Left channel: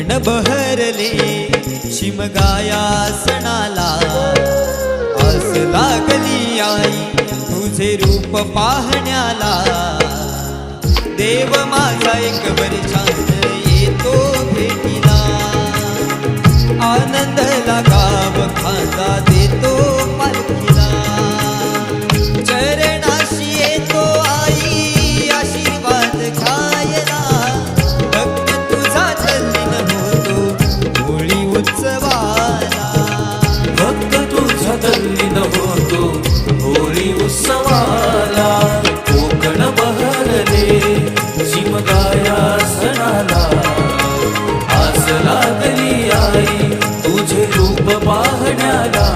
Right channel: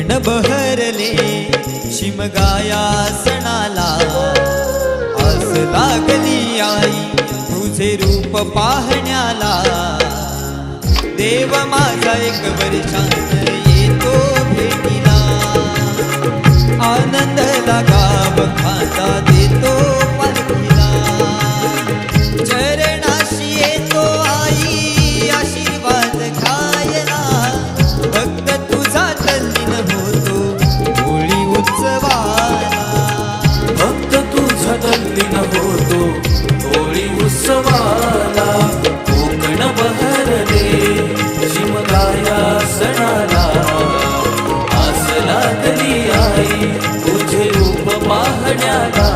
कोकण बहरले शिमगाया सणाला, आस लागली आई तुझे रूप पाहण्याला। देव माझा एक वर्षान येतो भेटीला, आनंद गाव खांदा देतो पालखीला। चरणाशी येतो आई आशीर्वाद घ्यायला, भक्त तुझा तल्लीन होतो होळी उत्सवाला। भक्त तुझा तल्लीन होतो होळी उत्सवाला। कोकण बहरले शिमगाया सणाला, आस लागली आई तुझे रूप पाहण्याला।